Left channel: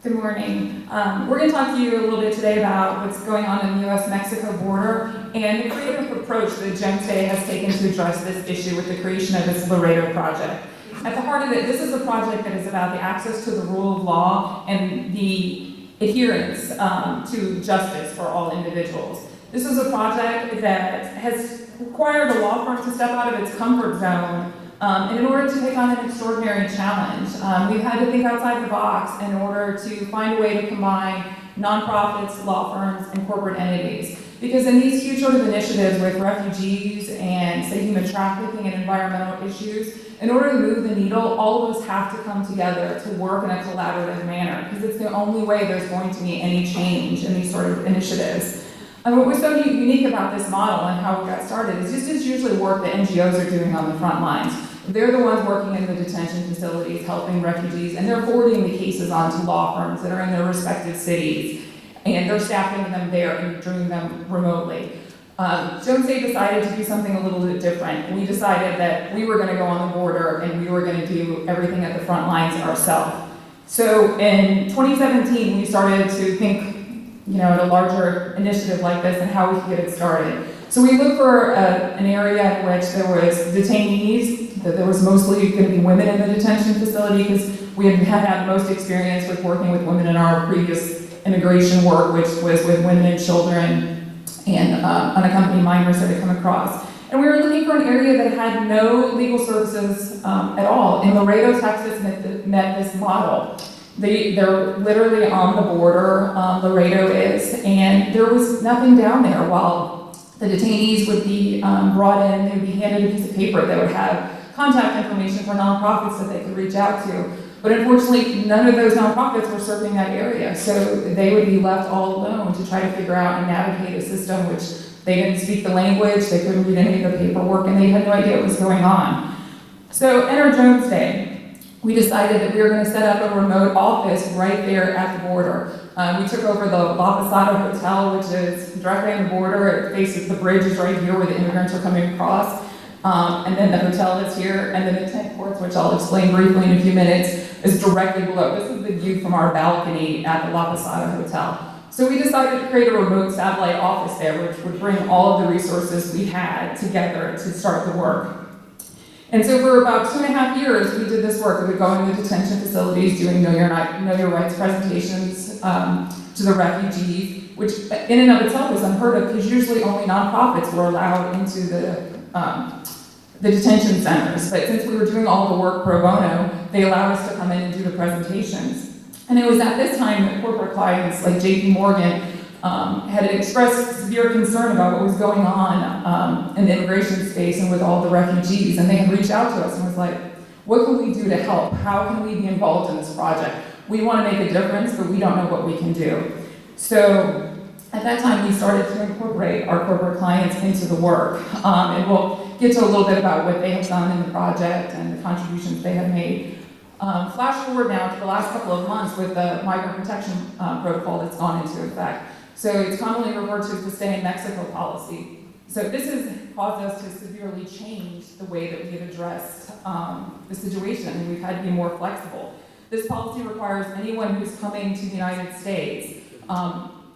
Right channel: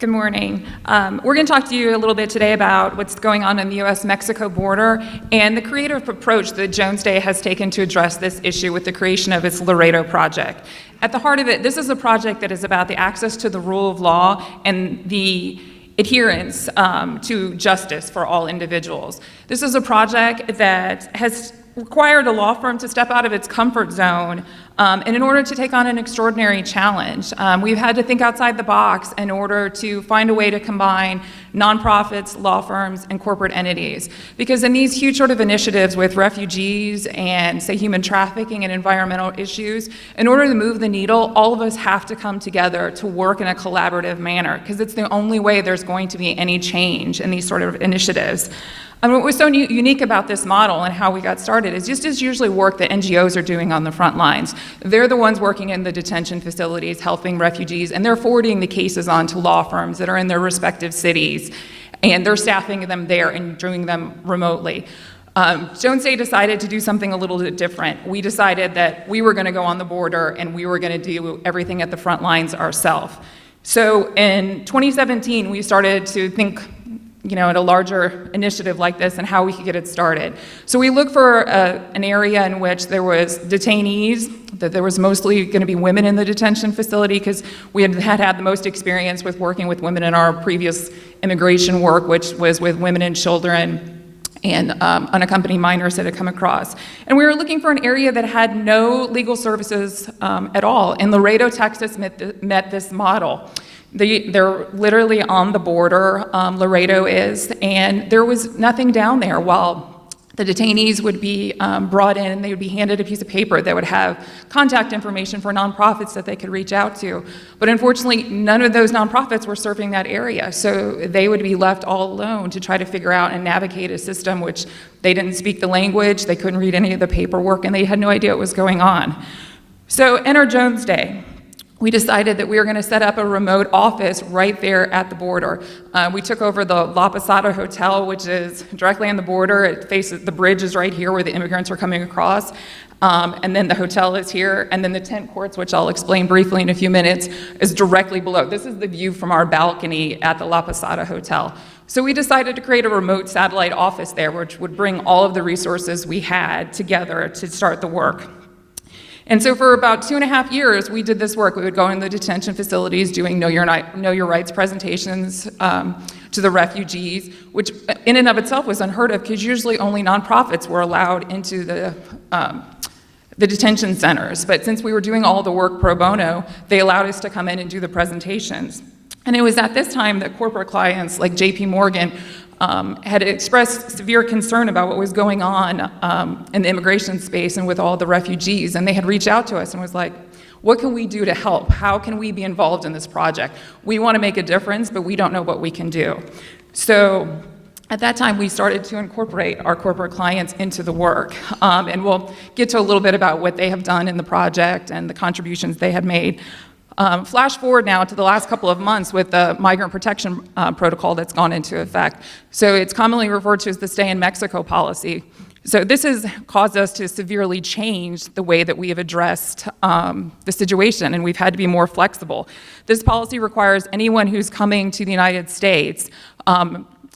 Good morning. We're going to talk to you a little bit today about what's going on in the U.S.-Mexico border and the creative approach that Jones Day has taken to address this issue with the creation of its Laredo Project. At the heart of it, this is a project that is about the access to the rule of law and the adherence to justice for all individuals. This is a project that has required a law firm to step out of its comfort zone and in order to take on an extraordinary challenge. We've had to think outside the box in order to find a way to combine nonprofits, law firms, and corporate entities. Because in these huge sort of initiatives with refugees and, say, human trafficking and environmental issues, in order to move the needle, all of us have to come together to work in a collaborative manner, because it's the only way there's going to be any change in these sort of initiatives. And what was so unique about this model and how we got started is just as usually work that NGOs are doing on the front lines. They're the ones working in the detention facilities, helping refugees, and they're forwarding the cases on to law firms that are in their respective cities, and they're staffing them there and doing them remotely. Jones Day decided to do something a little bit different. We decided that we were going to go on the border and we were going to do everything at the front lines ourselves. So in 2017, we started to think in a larger initiative like this and how we could get it started. So we looked for an area in which there was detainees, that there was mostly going to be women in the detention facility, because we had the most experience with working with women in our previous immigration work, which was with women and children and unaccompanied minors that had come across. And we were looking for an area that had no legal services at all. And Laredo, Texas met this model. They're literally on the border, Laredo is, and there was nothing down there while the detainees would be brought in and they would be handed a piece of paper that would have contact information for nonprofits that they could reach out to. But unfortunately, none of those nonprofits were serving that area, so they would be left all alone to try to figure out and navigate a system which they didn't speak the language, they couldn't read any of the paperwork, and they had no idea what was going on. So enter Jones Day. We decided that we were going to set up a remote office right there at the border. We took over the La Posada Hotel, which is directly on the border. It faces, the bridge is right here where the immigrants are coming across. And then the hotel is here, and then the tent courts, which I'll explain briefly in a few minutes, is directly below. This is the view from our balcony at the La Posada Hotel. So we decided to create a remote satellite office there, which would bring all of the resources we had together to start the work. And so for about 2.5 years, we did this work. We would go in the detention facilities doing Know Your Rights presentations to the refugees, which in and of itself was unheard of, because usually only nonprofits were allowed into the detention centers. But since we were doing all the work pro bono, they allowed us to come in and do the presentations. And it was at this time that corporate clients like JPMorgan had expressed severe concern about what was going on in the immigration space and with all the refugees. And they had reached out to us and was like, what can we do to help? How can we be involved in this project? We want to make a difference, but we don't know what we can do. So at that time, we started to incorporate our corporate clients into the work. And we'll get to a little bit about what they have done in the project and the contributions they have made. Flash forward now to the last couple of months with the migrant protection protocol that's gone into effect. So it's commonly referred to as the Stay in Mexico policy. So this has caused us to severely change the way that we have addressed the situation, and we've had to be more flexible. This policy requires anyone who's coming to the United States,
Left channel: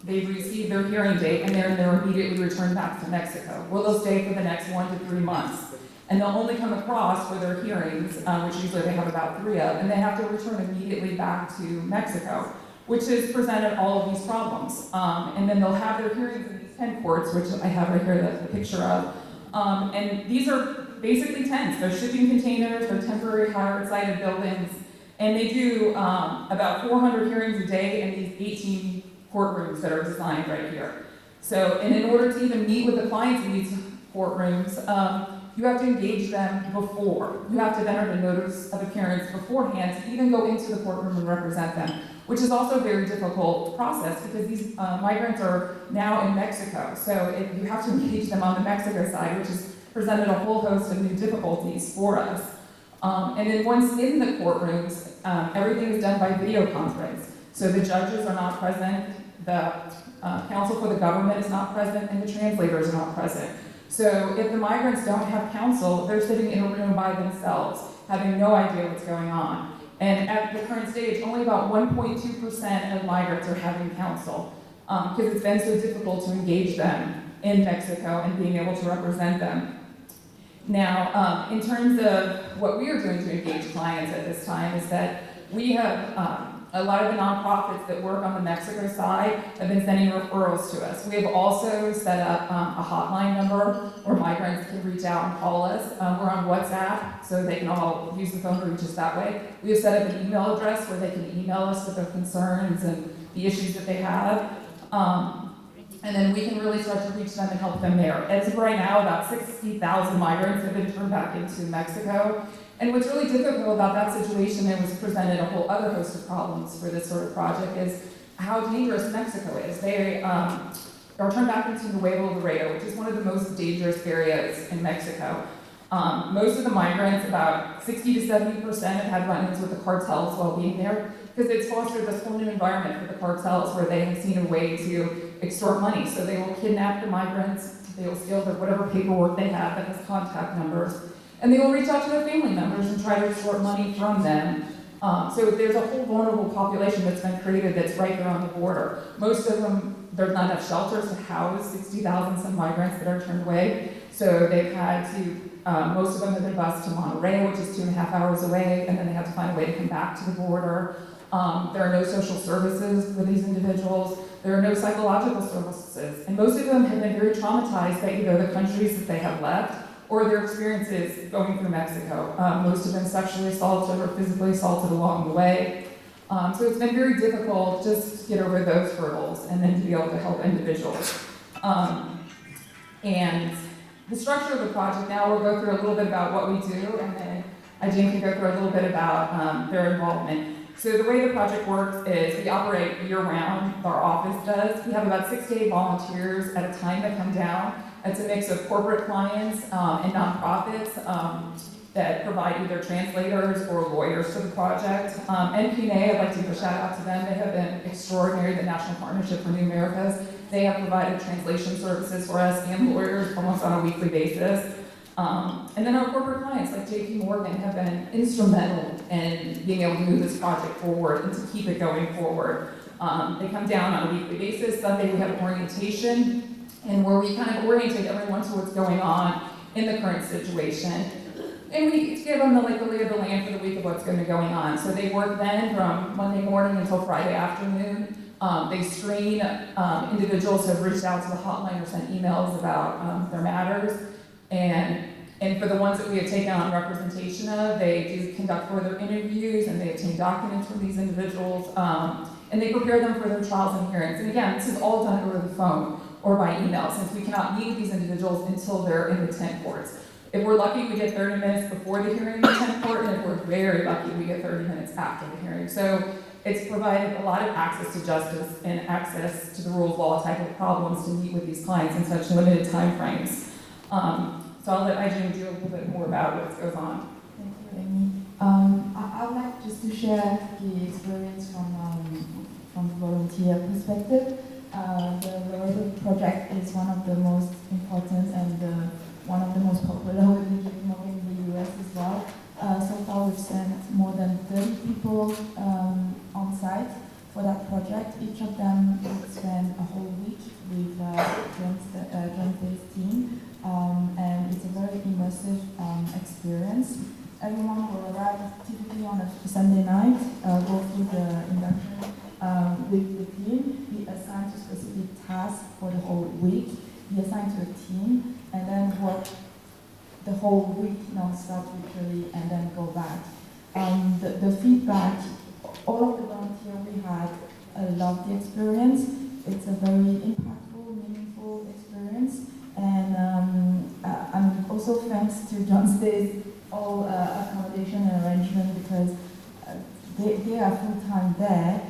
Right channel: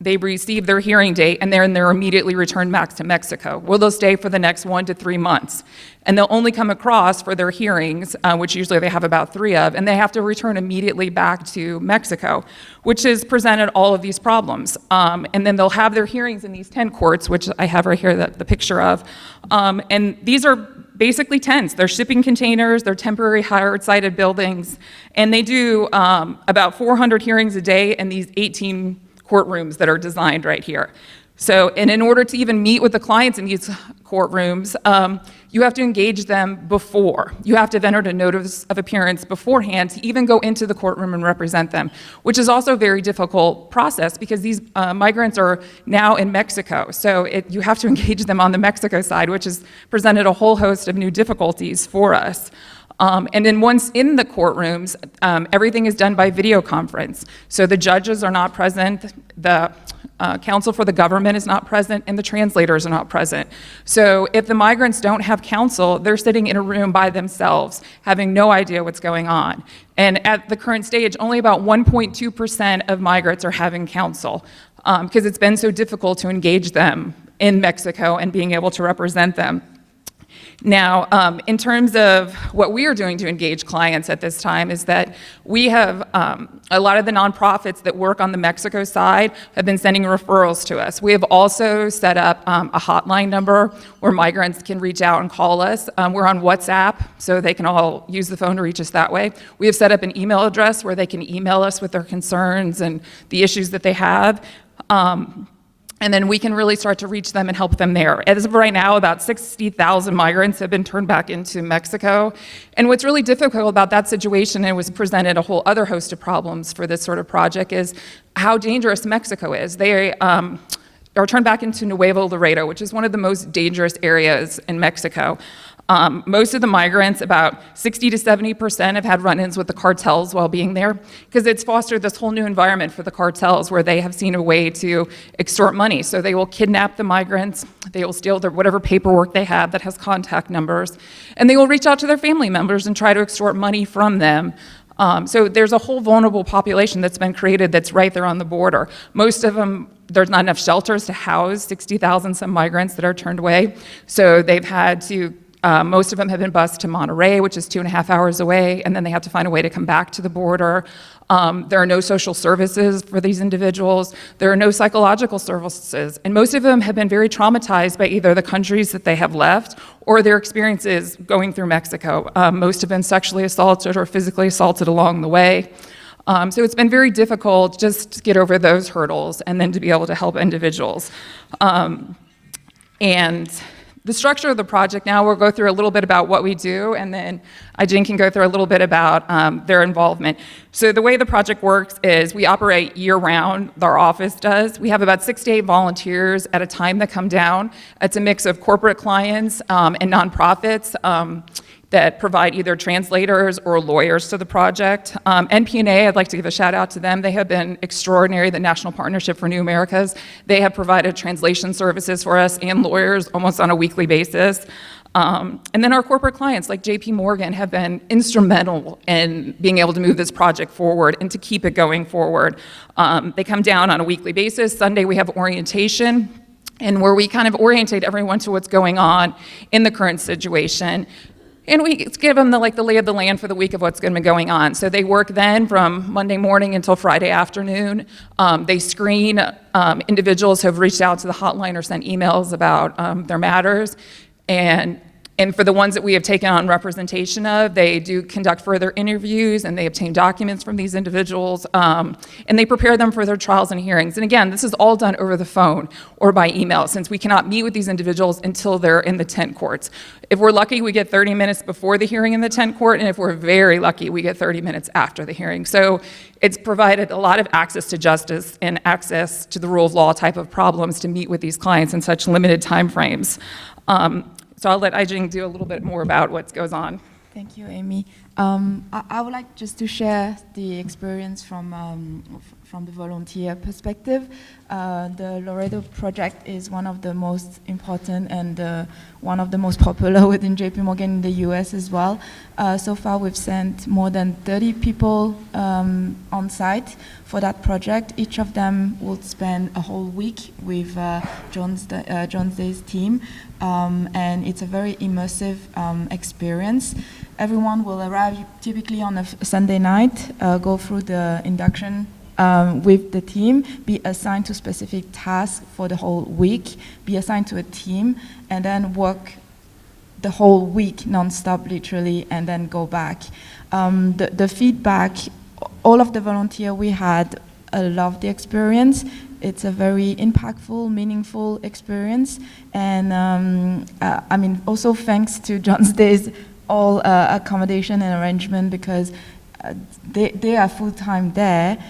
they receive their hearing date, and they're immediately returned back to Mexico, where they'll stay for the next 1 to 3 months. And they'll only come across for their hearings, which usually they have about 3 of, and they have to return immediately back to Mexico, which has presented all of these problems. And then they'll have their hearings in these tent courts, which I have right here the picture of. And these are basically tents. They're shipping containers, they're temporary hire-sided buildings, and they do about 400 hearings a day in these 18 courtrooms that are designed right here. So, and in order to even meet with the clients in these courtrooms, you have to engage them before. You have to have entered a notice of appearance beforehand to even go into the courtroom and represent them, which is also a very difficult process because these migrants are now in Mexico. So you have to engage them on the Mexico side, which has presented a whole host of new difficulties for us. And then once in the courtrooms, everything is done by video conference. So the judges are not present, the counsel for the government is not present, and the translators are not present. So if the migrants don't have counsel, they're sitting in a room by themselves, having no idea what's going on. And at the current stage, only about 1.2% of migrants are having counsel, because it's been so difficult to engage them in Mexico and being able to represent them. Now, in terms of what we are doing to engage clients at this time is that we have a lot of the nonprofits that work on the Mexico side have been sending referrals to us. We have also set up a hotline number where migrants can reach out and call us. We're on WhatsApp, so they can all use the phone to reach us that way. We have set up an email address where they can email us with their concerns and the issues that they have. And then we can really start to reach them and help them there. As of right now, about 60,000 migrants have been turned back into Mexico. And what's really difficult about that situation, and was presented a whole other host of problems for this sort of project, is how dangerous Mexico is. They are turned back into Nuevo Laredo, which is one of the most dangerous areas in Mexico. Most of the migrants, about 60 to 70%, have had run-ins with the cartels while being there, because it's fostered this whole new environment for the cartels where they have seen a way to extort money. So they will kidnap the migrants, they will steal their whatever paperwork they have that has contact numbers, and they will reach out to their family members and try to extort money from them. So there's a whole vulnerable population that's been created that's right there on the border. Most of them, there's not enough shelters to house 60,000 some migrants that are turned away. So they've had to, most of them have been bused to Monterrey, which is 2.5 hours away, and then they have to find a way to come back to the border. There are no social services for these individuals. There are no psychological services. And most of them have been very traumatized by either the countries that they have left or their experiences going through Mexico. Most have been sexually assaulted or physically assaulted along the way. So it's been very difficult just to get over those hurdles and then to be able to help individuals. And the structure of the project now, we'll go through a little bit about what we do, and then Aijing can go through a little bit about their involvement. So the way the project works is we operate year-round, our office does. We have about 6 to 8 volunteers at a time that come down. It's a mix of corporate clients and nonprofits that provide either translators or lawyers to the project. NPNA, I'd like to give a shout out to them. They have been extraordinary, the National Partnership for New Americas. They have provided translation services for us and lawyers almost on a weekly basis. And then our corporate clients like JPMorgan have been instrumental in being able to move this project forward and to keep it going forward. They come down on a weekly basis. Sunday we have orientation, and where we kind of orientate everyone to what's going on in the current situation. And we give them the lay of the land for the week of what's going to be going on. So they work then from Monday morning until Friday afternoon. They screen individuals who have reached out to the hotline or sent emails about their matters. And for the ones that we have taken on representation of, they do conduct further interviews, and they obtain documents from these individuals, and they prepare them for their trials and hearings. And again, this is all done over the phone or by email, since we cannot meet with these individuals until they're in the tent courts. If we're lucky, we get 30 minutes before the hearing in the tent court, and if we're very lucky, we get 30 minutes after the hearing. So it's provided a lot of access to justice and access to the rule of law type of problems to meet with these clients in such limited time frames. So I'll let Aijing do a little bit more about what goes on. Thank you, Amy. I would like just to share the experience from volunteer perspective. The Laredo Project is one of the most important and one of the most popular within JPMorgan in the US as well. So far we've sent more than 30 people on site for that project. Each of them will spend a whole week with John's Day's team, and it's a very immersive experience. Everyone will arrive typically on a Sunday night, go through the induction with the team, be assigned to specific tasks for the whole week, be assigned to a team, and then work the whole week non-stop literally, and then go back. The feedback, all of the volunteers we had loved the experience. It's a very impactful, meaningful experience, and I mean, also thanks to John's Day's all accommodation and arrangement, because they are full-time there.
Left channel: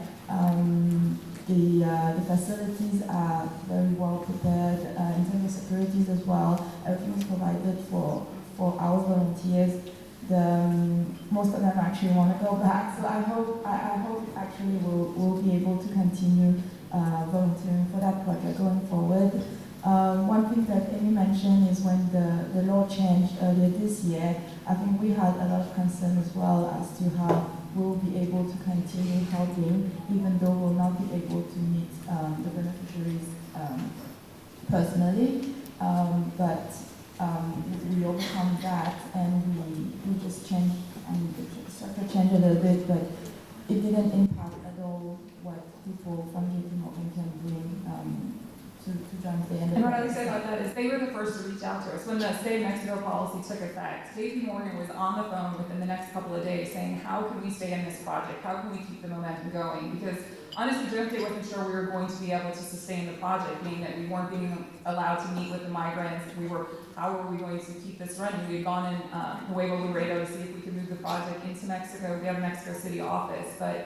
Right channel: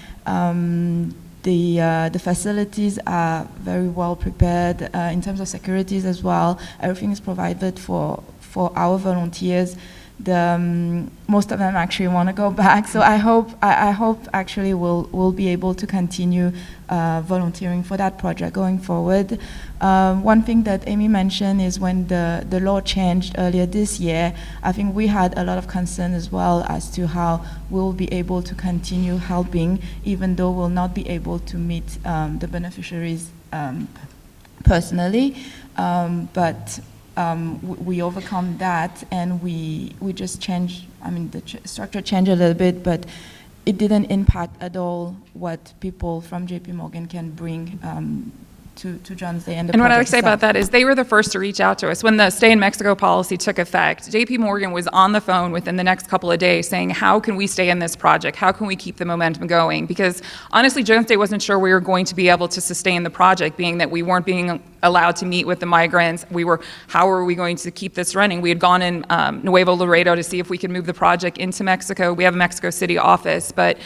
The facilities are very well prepared in terms of securities as well. Everything is provided for our volunteers. most of them actually want to go back. So I hope actually we'll be able to continue volunteering for that project going forward. One thing that Amy mentioned is when the law changed earlier this year, I think we had a lot of concern as well as to how we'll be able to continue helping, even though we'll not be able to meet the beneficiaries personally. But we overcome that, and we just changed, I mean, the structure changed a little bit, but it didn't impact at all what people from JPMorgan can bring to Jones Day and the And what I would project say about itself. that is they were the first to reach out to us. When the Stay in Mexico policy took effect, JPMorgan was on the phone within the next couple of days saying, how can we stay in this project? How can we keep the momentum going? Because honestly, Jones Day wasn't sure we were going to be able to sustain the project, being that we weren't being allowed to meet with the migrants. How were we going to keep this running? We had gone in Nuevo Laredo to see if we could move the project into Mexico. We have a Mexico City office, but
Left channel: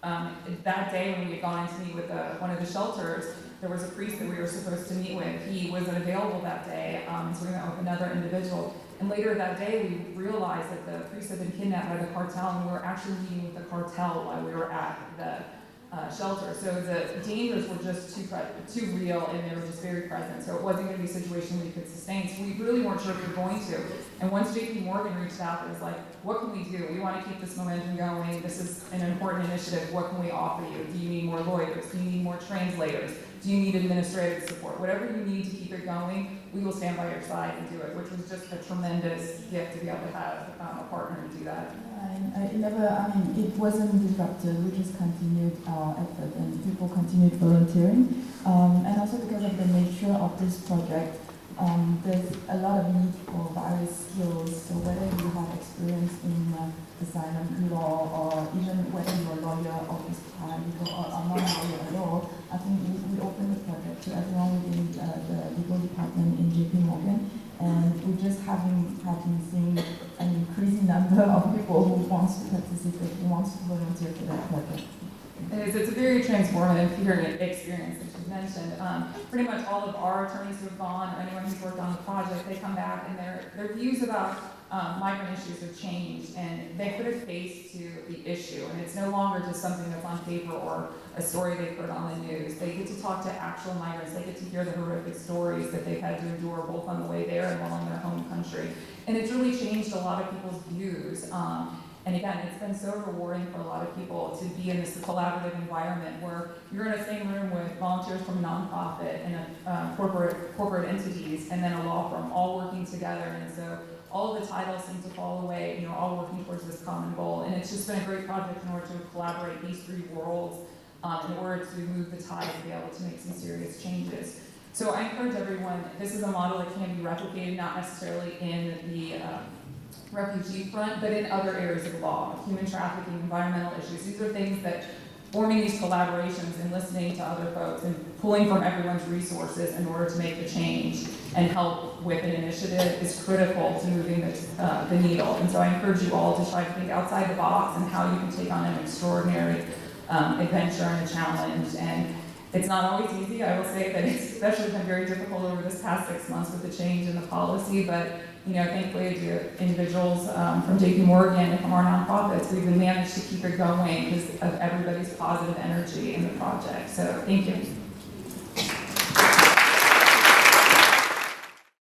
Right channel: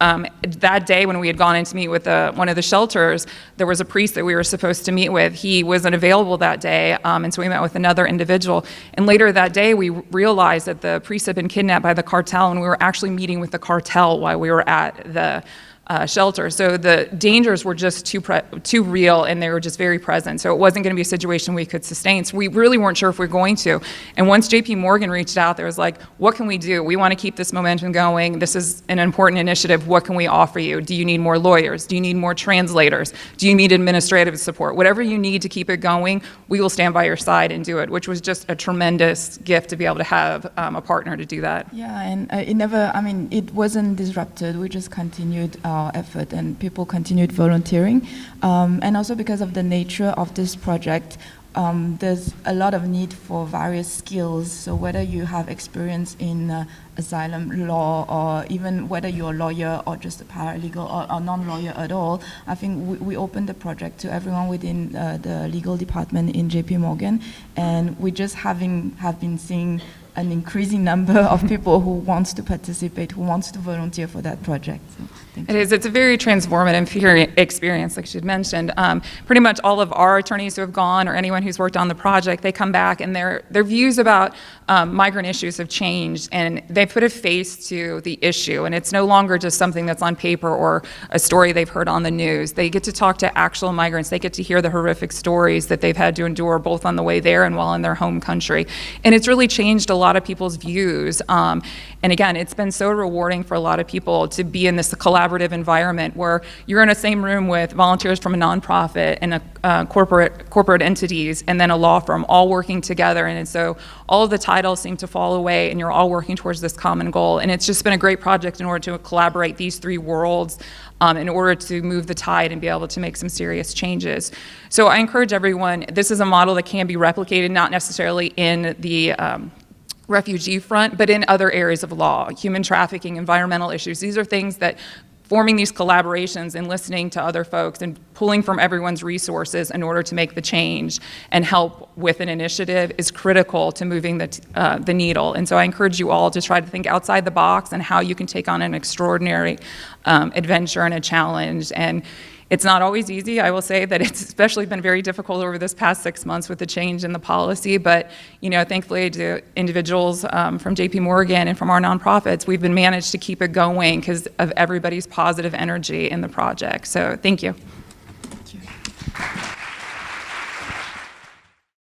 that day when we had gone in to meet with one of the shelters, there was a priest that we were supposed to meet with. He wasn't available that day, and so we met with another individual. And later that day, we realized that the priest had been kidnapped by the cartel, and we were actually meeting with the cartel while we were at the shelter. So the dangers were just too real, and they were just very present. So it wasn't going to be a situation we could sustain. So we really weren't sure if we were going to. And once JPMorgan reached out, there was like, what can we do? We want to keep this momentum going. This is an important initiative. What can we offer you? Do you need more lawyers? Do you need more translators? Do you need administrative support? Whatever you need to keep it going, we will stand by your side and do it, which was just a tremendous gift to be able to have a partner to do that. Yeah, and it wasn't disrupted. We just continued our effort, and people continued volunteering. And also because of the nature of this project, there's a lot of need for various skills. So whether you have experience in asylum law, or even whether you're a lawyer or just a paralegal or non-lawyer at all, I think we opened the project to everyone within the legal department in JPMorgan, and we just have been seeing an increasing number of people who wants to participate, who wants to volunteer for that project. It is. It's a very transformative experience, like she had mentioned. Pretty much all of our attorneys who have gone, or anyone who's worked on the project, they come back and their views about migrant issues have changed, and they put a face to the issue, and it's no longer just something that's on paper or a story they've heard on the news. They get to talk to actual migrants. They get to hear the horrific stories that they've had to endure both on the way there and while in their home country. And it's really changed a lot of people's views. And again, it's been so rewarding for a lot of people to be in this collaborative environment where you're in the same room with volunteers from a nonprofit and a corporate entities and then a law firm all working together. And so all of the titles seem to fall away, and you're all working towards this common goal. And it's just been a great project in order to collaborate these three worlds in order to move the tide and be able to make some serious changes. So I encourage everyone, this is a model that can be replicated, not necessarily in the refugee front, but in other areas of law, human trafficking, environmental issues. These are things that forming these collaborations and listening to other folks and pulling from everyone's resources in order to make the change and help with an initiative is critical to moving the needle. And so I encourage you all to try to think outside the box and how you can take on an extraordinary adventure and a challenge. And it's not always easy. I will say that it's especially been very difficult over this past 6 months with the change in the policy, but thankfully to individuals from JPMorgan and from our nonprofits, we've been managed to keep it going because of everybody's positive energy in the project. So thank you.